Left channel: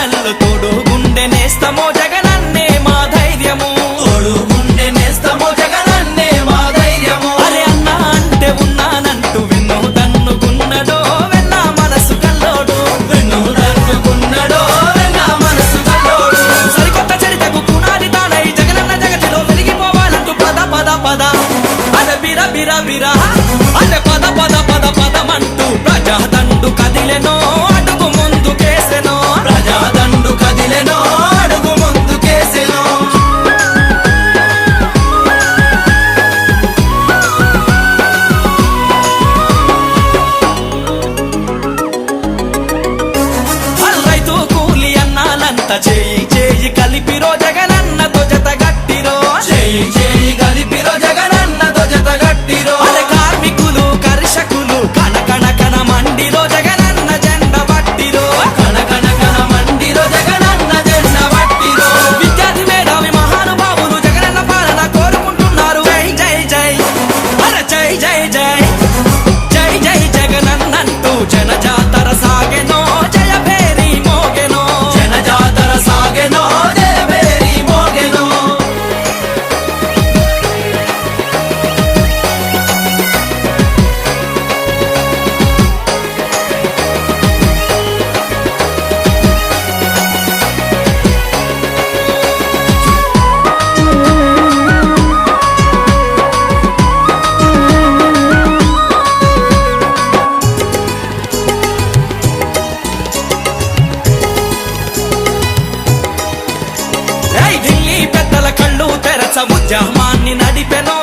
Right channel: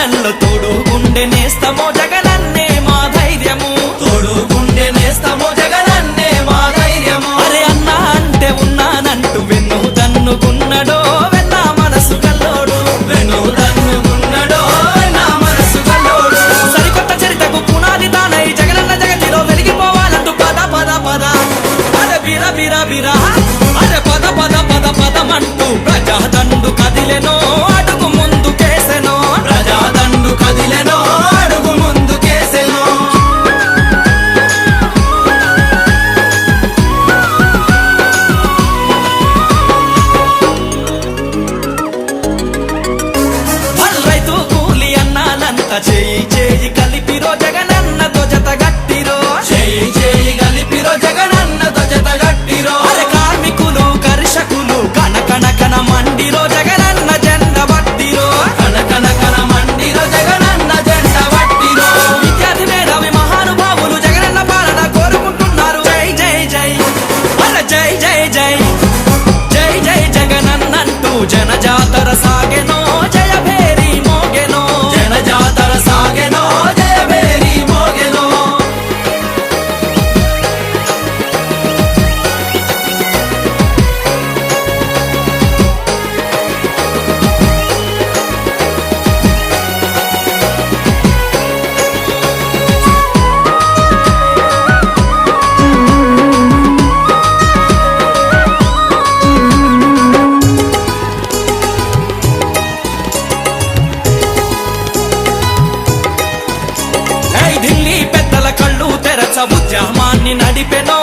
కష్టాలలో తోడు గుండె నేస్తమో జగనన్నే మా ధైర్యము, తోడు గుండె నేస్తమో జగనన్నే మా ధైర్యము. అరే అన్నా అంటే ఉన్నానంటూ వెన్ను దన్నుగున్నడో వెన్న మనసు కల్లోడు, వెన్ను దన్నుగున్నడో వెన్న మనసు కల్లోడు. సరికొత్త చరితకు పునాది తానై జగనన్న జగతిలో వెలిగిపోవాలంటూ పద పద పద అరే బిరా బిరా బిరా అరే పద పద పద పదమంటూ ప్రజాదండు కదిలెనో అడుగు ముందుకేసెనో, ప్రజాదండు కదిలెనో అడుగు ముందుకేసెనో. రైతు కూలి అన్నాలంత చేయి చేయి కలిపిరో జగనన్నతో జత గట్టిరో, చేయి చేయి కలిపిరో జగనన్నతో జత గట్టిరో. అరే కార్మికులు కర్షకులు కన కన కన మండిరో జగనన్న జెండ బట్టిరో, కన కన కన మండిరో జగనన్న జెండ బట్టిరో. విద్యార్థి మేధావి మహానుభావులు జగనన్న పాలన కోరుకుంటున్నారు. జై జై జై అరే జై జై జై జై జై జగనన్నంటూ జన జాతర సాగెనో జయ భేరి మోగెనో, జన జాతర సాగెనో జయ భేరి మోగెనో. ఢిల్లీ పెద్దల కళ్ళు తెరచ ఉద్యమాన్ని నడిపెనో